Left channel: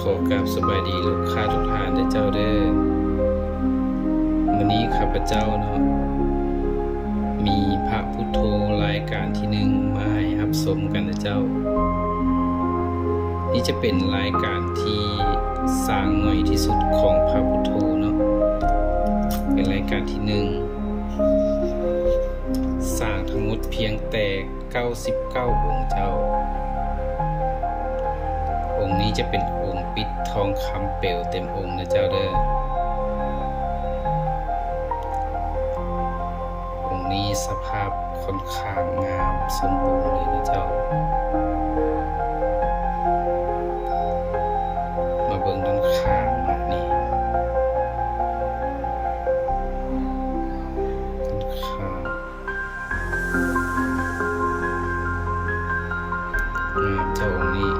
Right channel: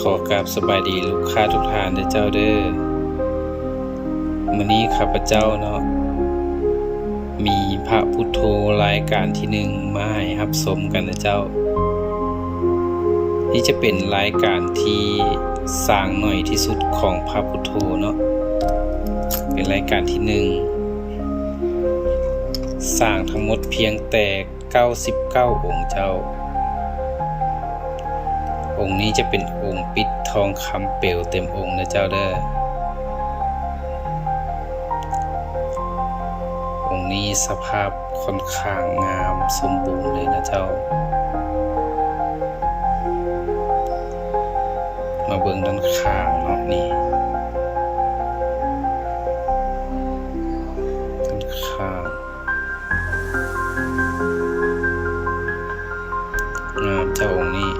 ขอกราบสบายดีลูกค้าทุกท่านเด้อเจ้าเด้อมื้อนี้ข้าพเจ้าเนาะมีพระพุทโธรายการที่หนึ่งมาให้รับชมกันนะเจ้านี่จะเป็นรายการที่สร้างหน่อยที่สุดของพระพุทโธเนาะเป็นรายการที่หนึ่งสร้างทั้งหมดเพียงแต่99องค์เจ้าองค์นี้จะเป็นองค์ปิดทองคำเปลวเต็มองค์นะเจ้าเด้อองค์นี้สภาพค่อนข้างงามสมบูรณ์เลยนะเจ้ามาเบิ่งด้านข้างเนาะนี่ด้านข้างงามเจ้าองค์นี้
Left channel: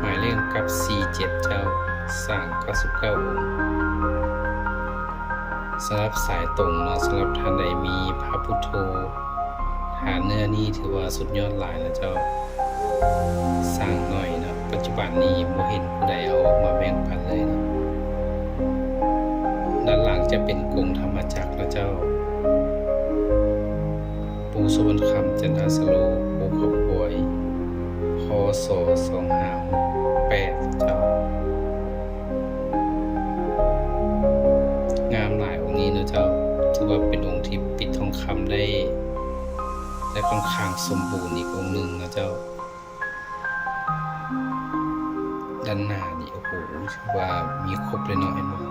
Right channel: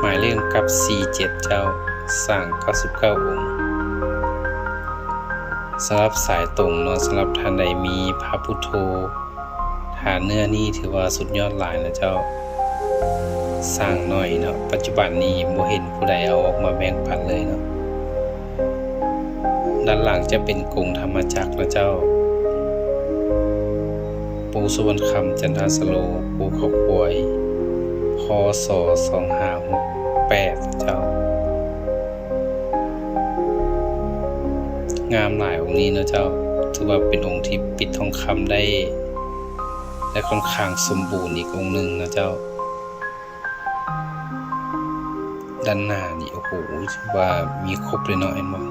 หมายเลขกับ47เจ้าสร้าง99องค์สำหรับสายตรงเนาะสำหรับท่านใดมีพระพุทโธฐานเนื้อนี่ถือว่าสุดยอดหลายนะเจ้าสร้างหน่อยเนาะปัจจุบันนี้บ่เห็นผู้ใดเอาออกมาแบ่งปันเลยเนาะด้านหลังจะเป็นกรงธรรมจักรนะเจ้าปูสุวรรณคำจันทสโลปูเขาควยพศ2568เจ้างามหลายองค์นี้นะเจ้าถือว่าเป็นองค์ที่ปิดทองคำได้ค่อนข้างสมบูรณ์อีกองค์หนึ่งนะเจ้าด้านหน้านี่โอ้โหถือว่ามีครบเลยเนาะเอ็นว่า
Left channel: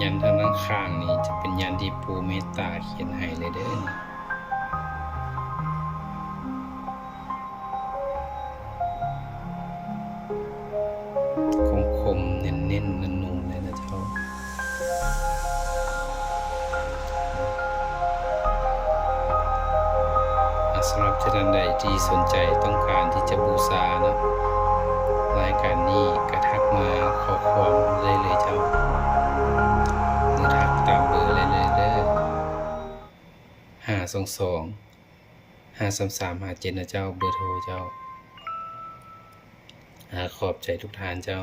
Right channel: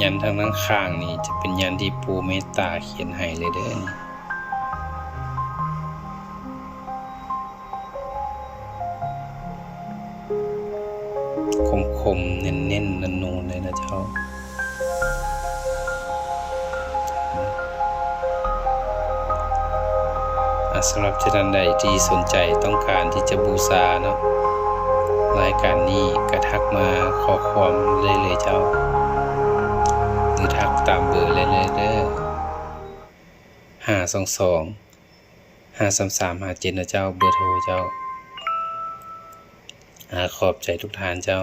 ยันทางด้านข้างนี่จะเป็นยันที่ปูเมตตาเขียนให้เลยเด้อคมๆเน้นๆนูนๆเลยนะเจ้าสำหรับท่านใดที่สนใจต้องการที่จะบูชาเนาะรายการนี้ก็ทักมาขอความเลยเจ้าหรือทักตามเบอร์เลยเด้อ522 53357นะเจ้าเบอร์โทรเจ้าขอบใจทุกท่านเจ้า